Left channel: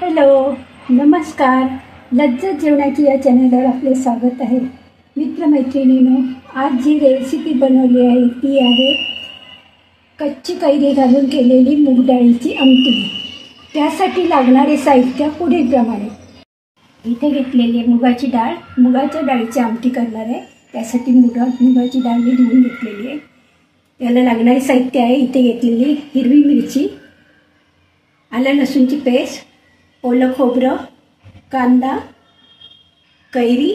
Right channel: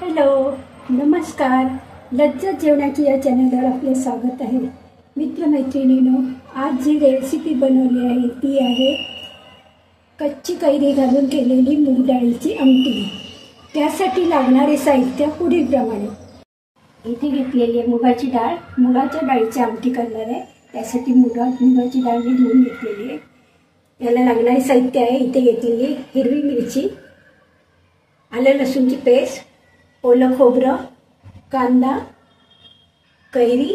Hello, नमस्कार. लज्जत जेवणाची या चॅनलवर आपले स्वागत आहे. मित्रमैत्रिणींनो, आज जी रेसिपी बनवली आहे ती आहे कच्ची कैरी घालून केलेली मूग डाळीची आमटी. त्यासाठी लागणारे साहित्य पुढीलप्रमाणे. इथे घेतलेली आहे मुगाची डाळ. मुगाच्या डाळीची आमटी करणार आहे. त्यासाठी मुगाची डाळ मी धुवून घेतलेली आहे. याला लागणारे साहित्य आहे इथे घेतलेली हिरवी मिरची, आलं लसूणची पेस्ट, ओलं खोबरं, कांदा, कैरी,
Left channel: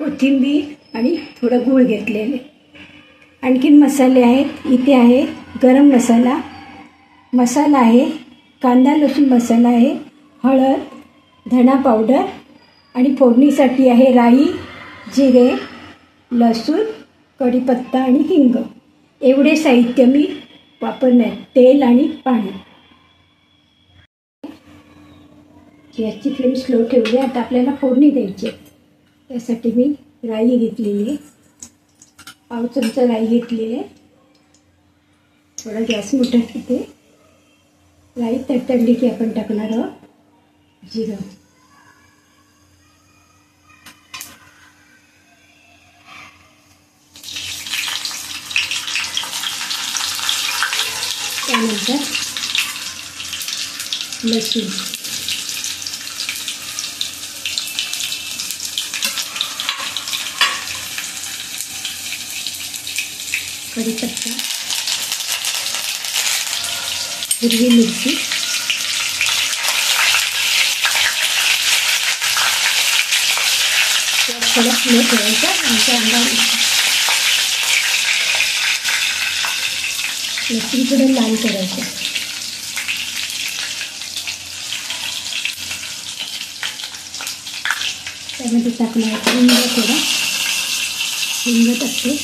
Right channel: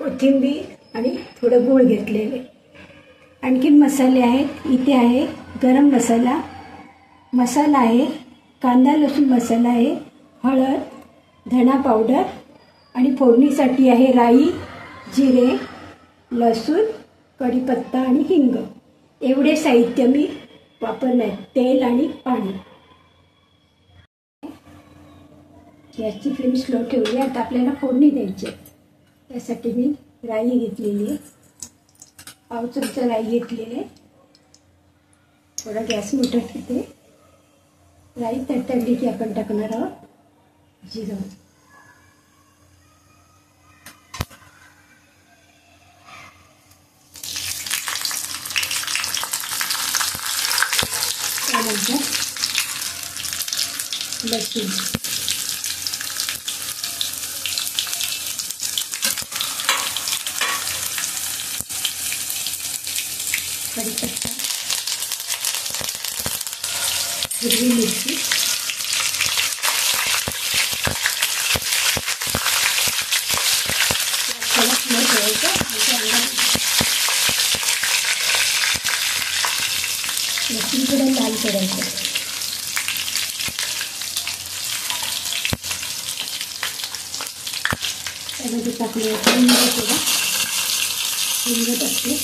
कोथिंबीर आणि थोडं गूळ घेतलेले. आणखीन मसाले आहेत. इथे आहे गरम मसाला, मसाला आहे, कांदा लसूण मसाला आहे, हळद, धना पावडर आणि फोडणीसाठी आहे राई, जिरे, लसूण, कढीपत्ता आणि हिंग. एवढे साहित्य मी वापरणार. तेल आणि पाणी. गॅसची फ्लेम स्लो ठेवली. आता आपल्याला फोडणी द्यायची. त्यासाठी मी राई घेतलेली आहे, पाव चमचा राई घेतलेली आहे. थोडा गॅस मोठा ठेवते. राई तडतडली की आपण टाकणार आहोत जिरं. त्यानंतर लसूण, कढीपत्ता, हिरवी मिरची, थोडा फ्लो ठेवायचा. लसूण थोडं लाल करायचं. त्यामध्ये टाकणार हिंग, थोडा हिंग टाकते.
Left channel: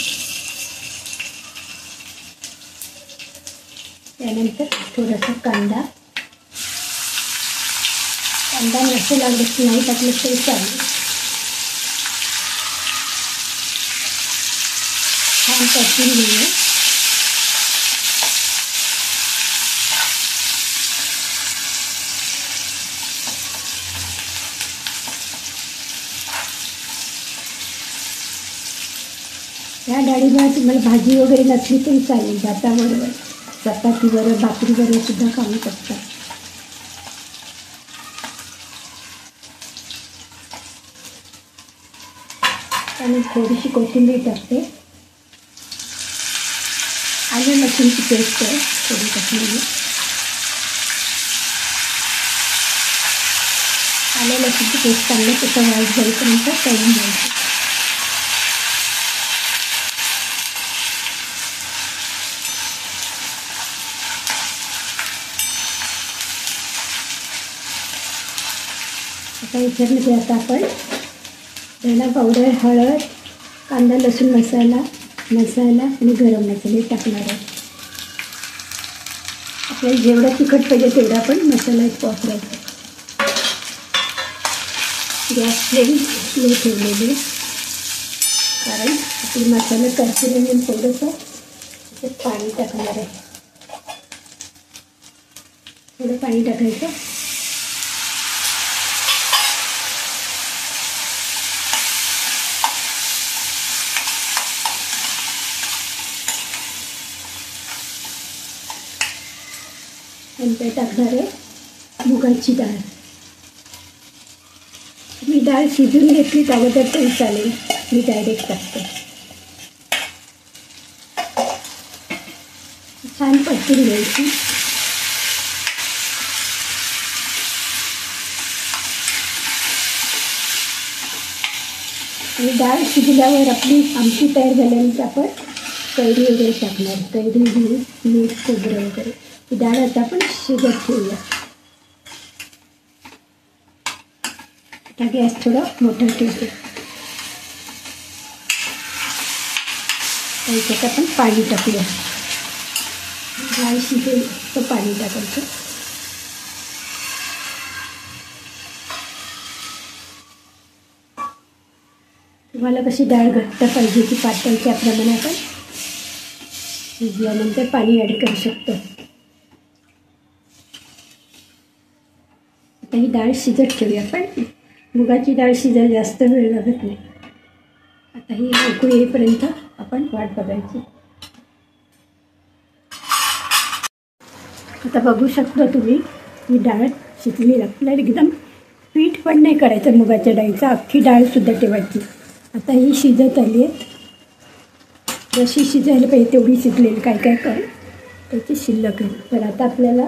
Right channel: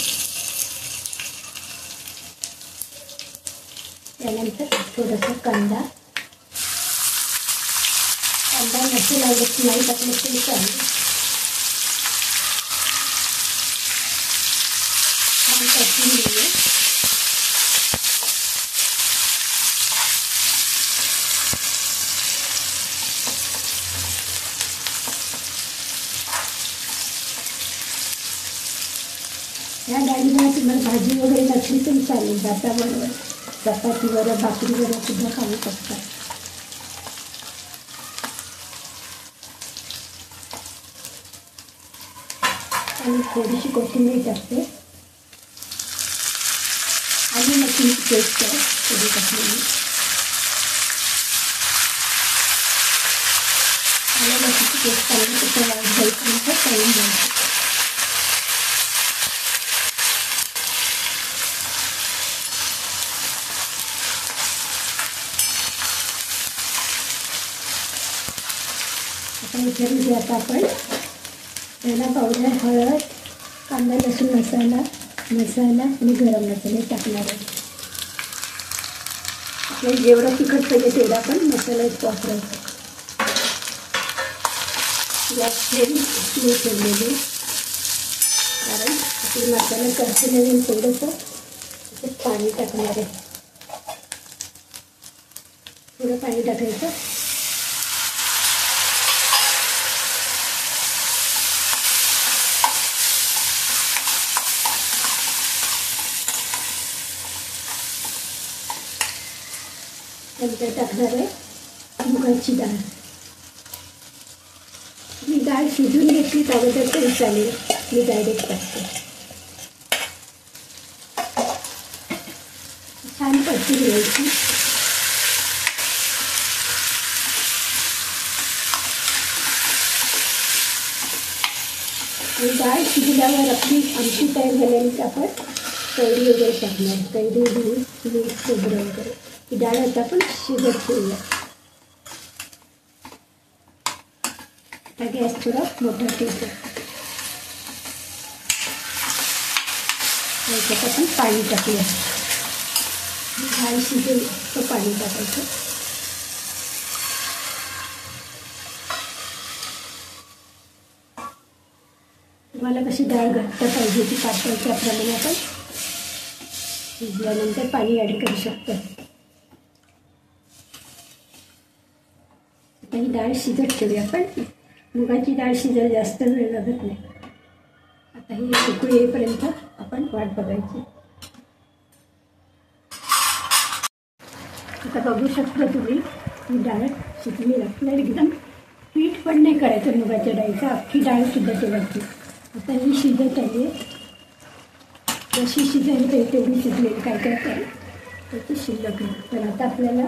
त्यानंतर थोडासा कांदा जास्त लागत नाही टाकलं तरी चालेल. छान परतून घेऊया. या डाळीवर तुम्हाला भाजी वगैरे नसली तरी चालेल. भाताबरोबर, चपातीबरोबर, भाकरीबरोबर सुद्धा खाऊ शकता. आणि थोडीशी कोथिंबीर टाकते. आलं लसूणची पेस्ट आहे थोडी टाकलेली. आलं लसूणची पेस्ट चांगलं त्याचा वाईट जाईपर्यंत तळून घ्यायचं. याच्यामध्ये आता आपण धना पावडर, हळद, कांदा लसूण मसाला आणि गरम मसाले टाकणार आहे. आपल्याला जेवढा तिखट पाहिजे तेवढा आपण मसाला वापरायचा. गॅस फ्लेम स्लो ठेवलेली, कारण आपली मसाला करते नाही. थोडंसं पाणी टाकणार आहे. थोडं पाणी टाकायचं. नंतर टाकणार आहे मुगाची डाळ. ही डाळ शिजून घेतली अगोदर तरी चालेल, मी डायरेक्ट टाकते. छान परतून घ्यायची. आणि डाळ शिजल्यावर आपली आमटी तयार झाल्यानंतर आपण कैरी वगैरे टाकणार. कैरी, गूळ, मीठ, खोबरं वगैरे. ही डाळ आता आपण शिजत ठेवूया. आता गॅस थोडा मोठा ठेवतो. त्याच्यात आपण पाणी टाकूया. डाळ शिजेल तर पाणी टाकायचं. तुम्हाला कशी डाळ घट्ट पाहिजे ती पातळ त्याप्रमाणे आपण शिजल्यानंतर पाणी ॲड करू शकतो. आता ही डाळ शिजत ठेवूया आपण. मुगाची डाळ शिजायला जास्त वेळ लागत नाही. आता ही उकळी येईपर्यंत आपण वाट बघायची. आता बघू शकता तुम्ही ही डाळ शिजली. आपल्याला एकदम पीठ पण नाही करायचं मुगाच्या डाळीचं, अख्खी डाळसुद्धा ठेवायची. आता ही शिजत आली आहे. जशी शिजायला पाहिजे तेवढी शिजलेली. काय काय कर त्याची शिल्लक आहे. तर आता आपल्याला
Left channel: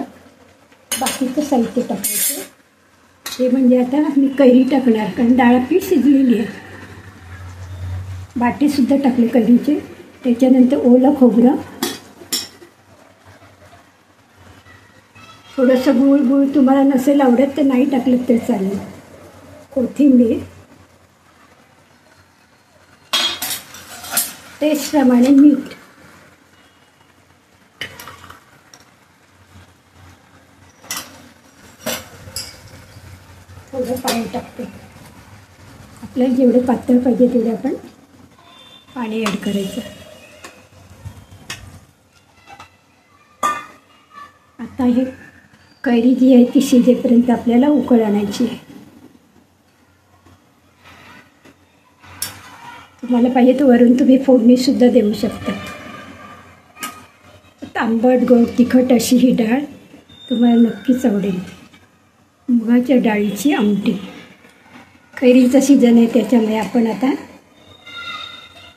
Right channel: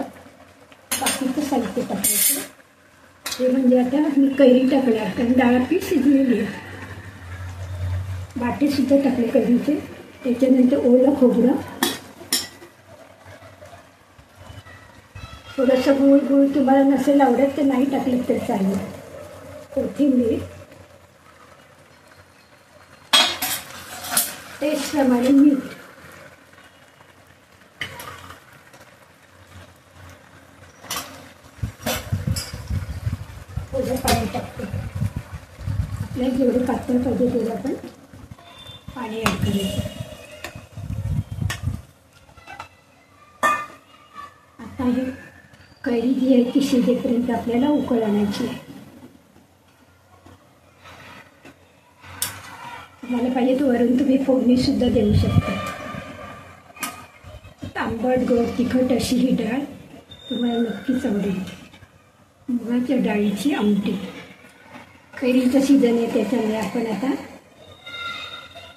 बाकीचं साहित्य टाकायचं. ते म्हणजे आता मी कैरी टाकणार, कारण डाळ आपली शिजलेली आहे. बाटीसुद्धा टाकले कैरीचे. त्याच्यानंतर ओलं खोबरं, थोडंसं गूळ तुम्हाला नसेल आवडत तर नाही टाकलं तर चालेल. कोथिंबीर, टेस्टप्रमाणे मीठ, थोडं पाणी टाकते. आपल्याला जेवढं पातळ पाहिजे तेवढं आपण पाणी ॲड करायचं. आता हे कैरी जी आहे ती शिजेपर्यंत आपल्याला उकळ आणायची आहे. तुम्हाला पाहिजे तर वरून तुम्ही फोडणीसुद्धा देऊ शकता. आंबट गोड तिखट अशी ही डाळ तुम्हाला नक्कीच आवडेल. मुगाच्या डाळीची आमटी. कैरीचं सीजन आहे त्याच्यामुळे आपण आता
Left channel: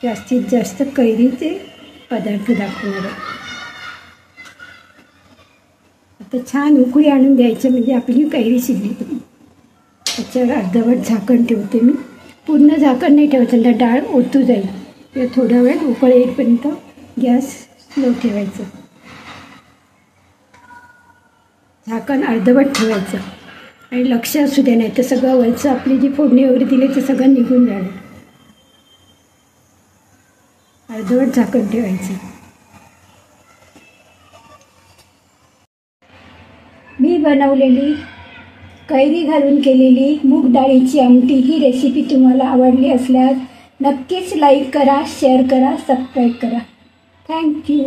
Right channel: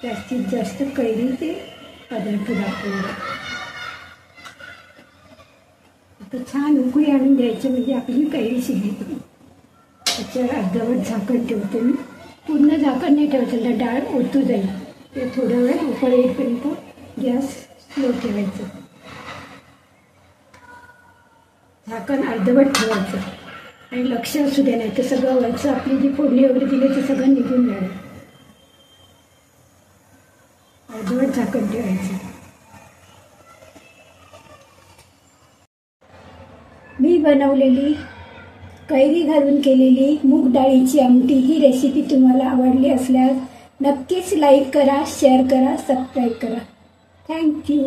जास्तीत जास्त कैरीचे पदार्थ दाखवणार आहोत. आता छान उकळी आणून द्यायचं म्हणजे आपली कैरी शिजली. त्याच्यावर अर्धवट झाकण ठेवते मी. पूर्ण झाकण नाही ठेवायचं, तर डाळ ओतू जाईल. ते थोडा वेळ उकळ येईपर्यंत गॅस स्लो ठेवायचं. झाकण अर्धवट ठेवायचं आणि लक्ष असू दे, नाही तर सगळं वरचं आपली जी फोडणी वगैरे दिली ते सगळं निघून जाणार. अर्धवट झाकण ठेवायचं. मी बनवलेली कैरी घालून केलेली मूग डाळीची आमटी ही रेसिपी तुम्हाला आवडली असल्यास नक्कीच लाईक करा, शेअर करा, सबस्क्राईब करा. थँक्यू.